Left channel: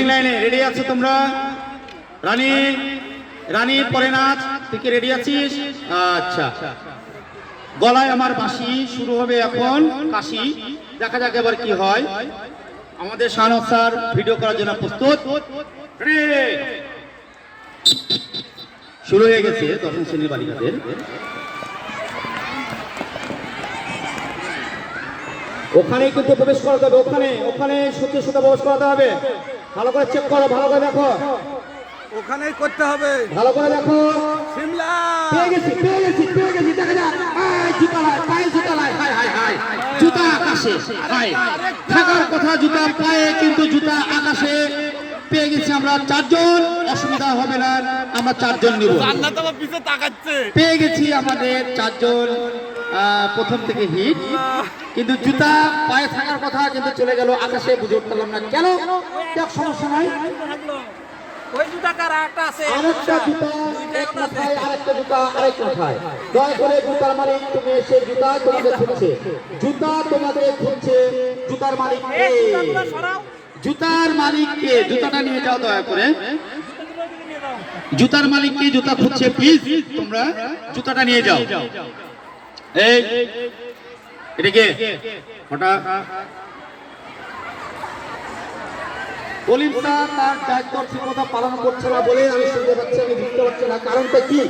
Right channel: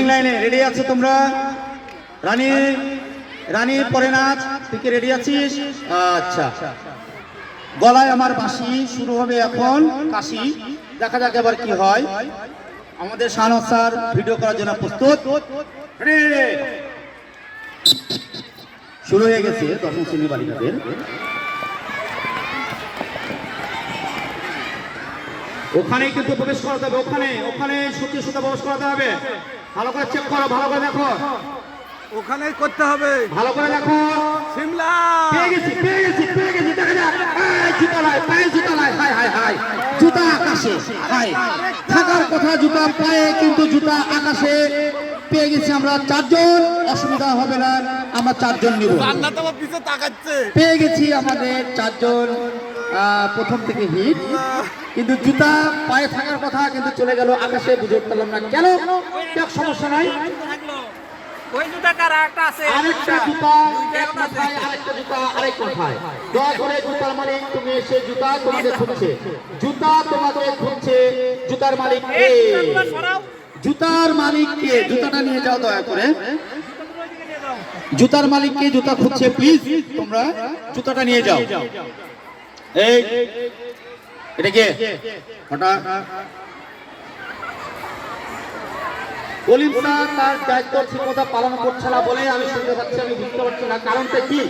Finishing লাইনে ready আছো তোমরা? রানী রানী পরে নাচ, তুই কি রেডি আছিস? আচ্ছা, গলায় আমার বাঁশি, শুরু হবে এখন কাশি। দেখা যাক এবার কি হয়। আমাদের শানক স্যার ভিডিও করার জন্য প্রস্তুত। শুরু হয়ে গেছে দশম শ্রেণীর বালিকাদের। ওখানে কিন্তু প্রবেশ করাতে হবে, ওখানে ওখানে সত্যি সত্যি প্রবেশ করাতে হবে। ভালো করে চেক করো, ভালো করে দেখো, ওখানেই করতে হবে। ভালো করে দেখো। সিমলা পেয়ে গেছি পেয়ে গেছি পেয়ে গেছি, দেখা যাক। জুতা লাই, পায়ে জুতা লাই, হাই হাই হাই, জুতা আকাশে, হাই থাকার কথা জুতার পায়ে, কিন্তু জুতা আকাশে। পেয়ে গেছি আমরা চারজন, অসুবিধা হবে না, আমরা চারজন নিব। জান্নাত আমার পিছে তাকাচ্ছে। পেয়ে গেছি আমাদের চারজন, প্রথম থেকে হিট, কিন্তু জুতা পায়ে থাকার কথা কিন্তু চলে গেল আকাশে, বুঝে উঠলাম না কেন। সমস্যা নাই, ওই জুতা কার একটা আছে, আরেকটা জুতা এক মাথায়, আরেকটা জুতা আরেক মাথায়। দয়া করে জুতার মালিক, তুমি এসে জুতা তোমাদের খুঁজছে, জুতা তোমাদের খুঁজছে। জুতার মালিক কে? জুতার মালিক কে? জুতাটা নিয়ে যাও দয়া করে। জুতার মালিক কে? জুতা খুঁজছে, প্লিজ তোমরা জুতাটা নিয়ে যাও। এই এটা কে? হঠাৎ কলিম স্যার তার দায়িত্ব ঠিক মতো পালন করছে না বলে আমি শুনতে পাচ্ছি, আমি বুঝতে পারছি না কারণটা কি।